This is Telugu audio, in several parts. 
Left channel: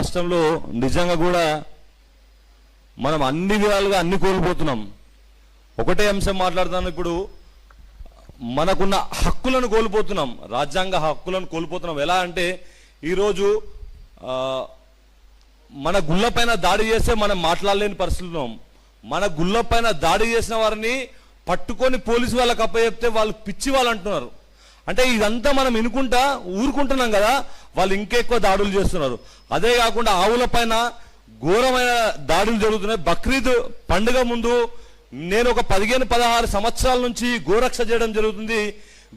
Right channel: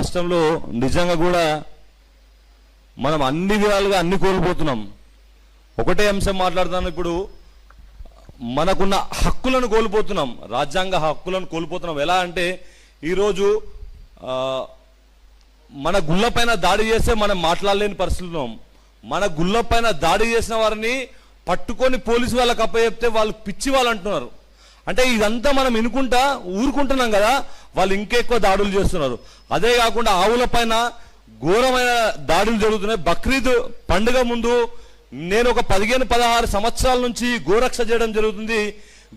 రాష్ట్రంలో నిజంగా కూడా మనం అన్ని విధాలుగా అన్ని కోల్పోతున్నాం. ఒకటే అంశం మాట్లాడుతున్నాం. ఇప్పుడు మనకున్న హక్కులను కోల్పోతున్నాం, రాజ్యాంగ హక్కులను కోల్పోతున్నాం. ఎలా అంటే ఈరోజు మన గుళ్ళపైన దాడి చేస్తే మనం మాట్లాడలేని పరిస్థితుల్లో, మన గుళ్ళపైన దాడి చేసిన వారిని పట్టుకొని పోలీసు వాళ్ళకి అప్పచెప్తే వాళ్ళు పిచ్చి వాళ్ళు అంటున్నారు. అంటే ఇదంతా మనం వినుకుంటా ఊరుకుంటున్నాం కదా, వాళ్ళు ఇంకెక్కువ దాడులు చేస్తున్నారు. అదే కాకుండా ఆవుల పైన ఘోరమైన దాడులు జరుగుతున్నాయి. బక్రీద్ పండుగ ముందు నేను ఒక 15-16 సంవత్సరాల నుంచి గోరక్ష చేయడం జరుగుతుంది.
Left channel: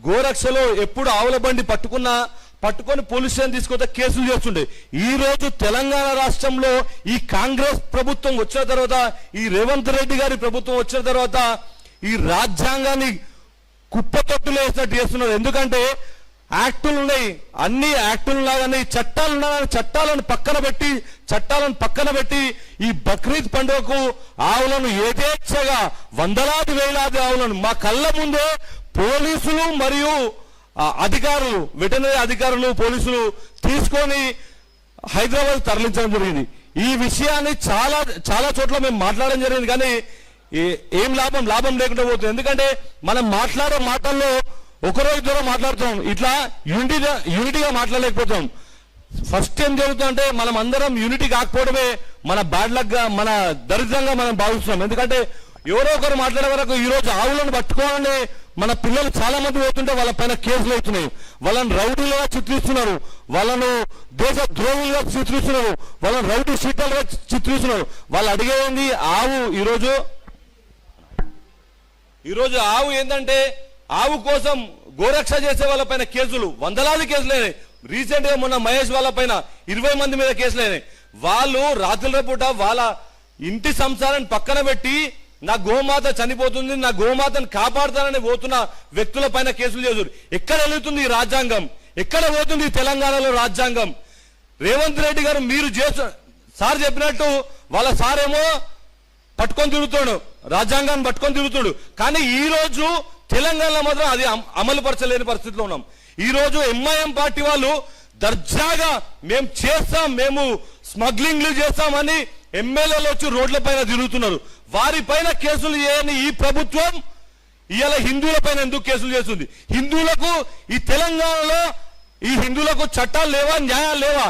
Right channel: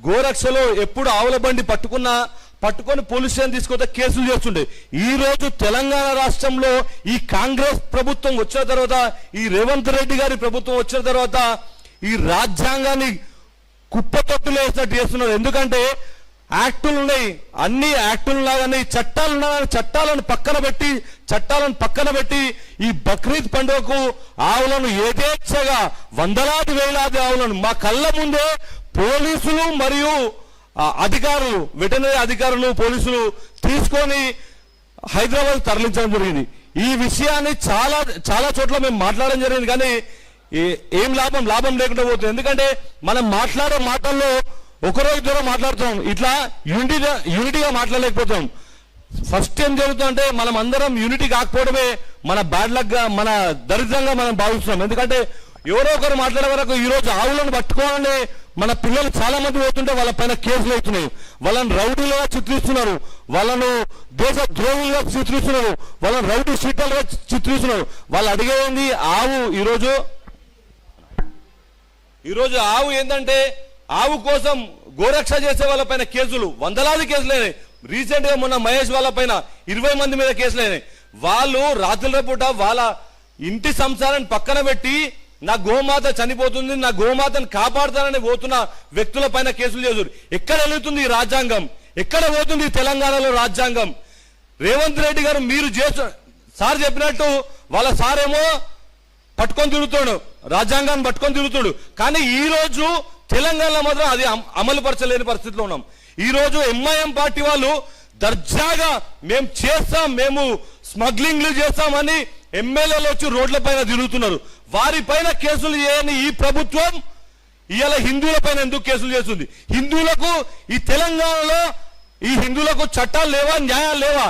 గోరక్షలో ఎప్పుడు ఆవుల బండి పట్టుకొని పోలీస్ స్టేషన్ తీసుకొస్తే కేసులు చేస్తుండే. ఈ రోజు తెలంగాణ రాష్ట్రంలో ఈ కాంగ్రెస్ ప్రభుత్వం వచ్చిన తర్వాత, ఈ రేవంత్ రెడ్డి గారి ప్రభుత్వం వచ్చిన తర్వాత ఈ రాజ్యాంగాన్ని కుప్పతొట్టులు వేసినట్టు చేస్తున్నారు. ఎందుకంటే యాక్టులు ఉన్నాయి, అన్ని యాక్టులు లాగానే చట్టాలు ఉన్నాయి. చట్టాలను పక్కన పెట్టి ఈ బక్రీద్ పండుగకు ఆవులను యథేచ్ఛగా వందలాది వేలాది ఆవులను మా కళ్ళ ముందే పోలీసులు మరియు అధికారులు, వెటర్నరీ అధికారులు, పోలీసులు తీసుకొని హైదరాబాద్ తరలించడం జరిగింది. ఈ విషయాన్ని చాలా చోట్ల మేము మాట్లాడడం జరిగింది, కానీ ఏం లాభం లేకుండా పోతుంది. ఎందుకంటే మనం మాట్లాడే మాటల్లో ఒకరోజు ద్వారా మాట్లాడుతున్నాం, ఇట్లా యూనిటీగా మాట్లాడలేకపోతాం. ఫస్ట్ ఏం జరుగుతుందంటే మనం అందరం యూనిటీ కాకపోవడమే మన బ్యాడ్ లక్ గా, మన దరిద్రంగా మనం భావిస్తున్నాం. ఎందుకంటే ఎవరో ఒకరు మాట్లాడే వరకు ఈ రోజు ఆవులను పట్టుకోవాలని మన పిల్లలు చాలా మంది పోతుంటే వాళ్ళ పైన కేసులు అవుతున్నాయి. వాళ్ళని రౌడీలుగా చిత్రిస్తున్నారు, వాళ్ళను దేశ ద్రోహులుగా చిత్రిస్తున్నారు, వాళ్ళని రౌడీ షీటర్లుగా చిత్రిస్తున్నారు. వాళ్ళు అడిగేది ఆవు. ఈరోజు ఆవు ఏంటంటే ఆవు కోసం గోరక్ష చేసే వాళ్ళ పైన కేసులు, వందలాది కేసులు అయినాయి. రీసెంట్ గా మొన్న మహేష్ వాళ్ళ పైన 20 మంది మీద కేసులు అయినాయి. వాళ్ళు రాత్రుల పూట వాళ్ళ ఇంటి సంసారాన్ని పక్కన పెట్టి నా గోమాత చనిపోతుంది, నా గోమాతను కాపాడుతానని పోతున్న వ్యక్తుల పైన కేసులు చేశారు. ఎక్కడ వెళ్తుంది ఈ రాజ్యాంగం? ఎక్కడ పోతుంది తెలంగాణలో రాజ్యాంగం? రేవంత్ రెడ్డి గారు మీరు సార్ చెప్పినట్టు వాళ్ళ సారేమో పట్టుకొని తిరుగుతాడు, రాజ్యాంగాన్ని పట్టుకొని తిరుగుతాడు. కానీ ఈ రోజు తెలంగాణ మాత్రం అది అమలు పరచలేని పరిస్థితిలో ఉన్నాం. ఈ రోజు ఎంఐఎం పార్టీ వాళ్ళు దర్జాగా మేము స్మగ్లింగ్లు చేస్తామని ఎమ్మెల్యేలు వచ్చి రోడ్ల పైన తిరుగుతున్నారు. వారి పైన కేసులు చేయని ఈ ప్రభుత్వం ఇవాళ హిందువుల పైన ఎందుకు కేసులు చేస్తుంది? హిందువులకు ఈ తెలంగాణలో హిందువులకు చట్టాలు లేవా, న్యాయాలు లేవా?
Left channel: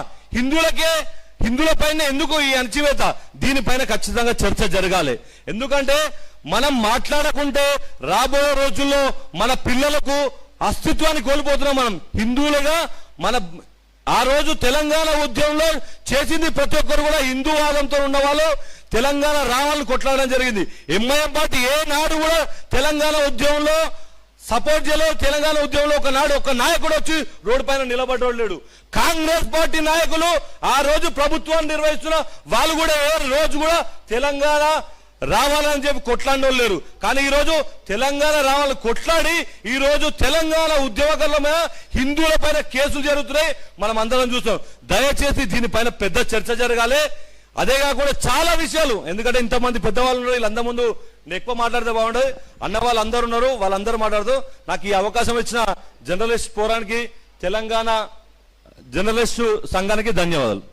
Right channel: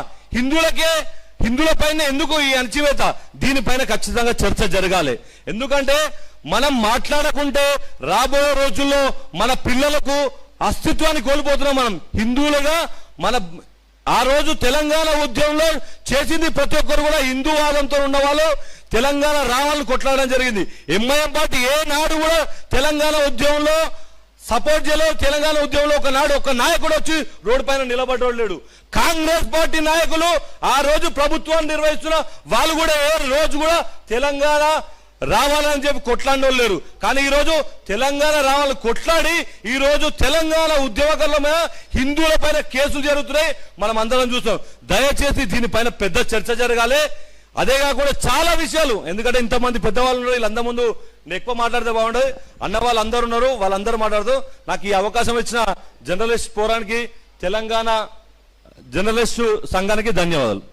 హిందువుల పైన ఎందుకు ఈ అణచివేత? దీనిపైన ఖచ్చితంగా చర్చ జరగాలి. ఎందుకంటే మనం మాట్లాడకుంటే రాబోయే రోజుల్లో మన పిల్లలకు అస్తిత్వాన్ని కోల్పోతున్నాం. మనం హిందువులుగా ఆ రోజు తెలంగాణ ఉద్యమంలో చేసింది ప్రతి ఒక్కరు కూడా హిందూవాదంతో ఉన్న వాళ్ళు తెలంగాణ రావాలని కొట్లాడడం జరిగింది. ఎంఐఎం పార్టీ ఏ నాడు కూడా తెలంగాణ ఉద్యమంలో సపోర్ట్ చేయలేదు. తెలంగాణ ఉద్యమంలో ఒక నాయకుడు వచ్చి రోడ్డు పైన నిలబడ్డోడు లేడు. కాంగ్రెస్ పార్టీ నాయకులు ఆ రోజు ప్రభుత్వాన్ని నిర్వహిస్తున్న వాళ్ళు కూడా ఏ రోజు కూడా తెలంగాణ రావాలని చెప్పి కొట్లాడినోళ్ళు లేరు. కానీ ఈ రోజు తెలంగాణ రావాలని కొట్లాడి ఈ రోజు తెలంగాణ ఉద్యమకారుల మీద హిందువుల పైన కేసులు జరుగుతున్నాయి. మనం అందరం చూస్తాం. దయచేసి దీనిపైన పెద్ద చర్చ జరగాలి. అదే కాకుండా చాలా విషయాలు, ఎందుకంటే ఇంతమంది పెద్దవాళ్ళు వీళ్ళందరి ముందు నేను ఎక్కువ మాట్లాడితే బాగుండదు. అన్న వాళ్ళు అందరు ఉన్నారు, వాళ్ళందరూ మాట్లాడుతూ నాకు ఈ అవకాశం ఇచ్చిన జర్నలిస్ట్ ఫోరానికి, తెలంగాణ జర్నలిస్టు సంఘానికి ధన్యవాదాలు.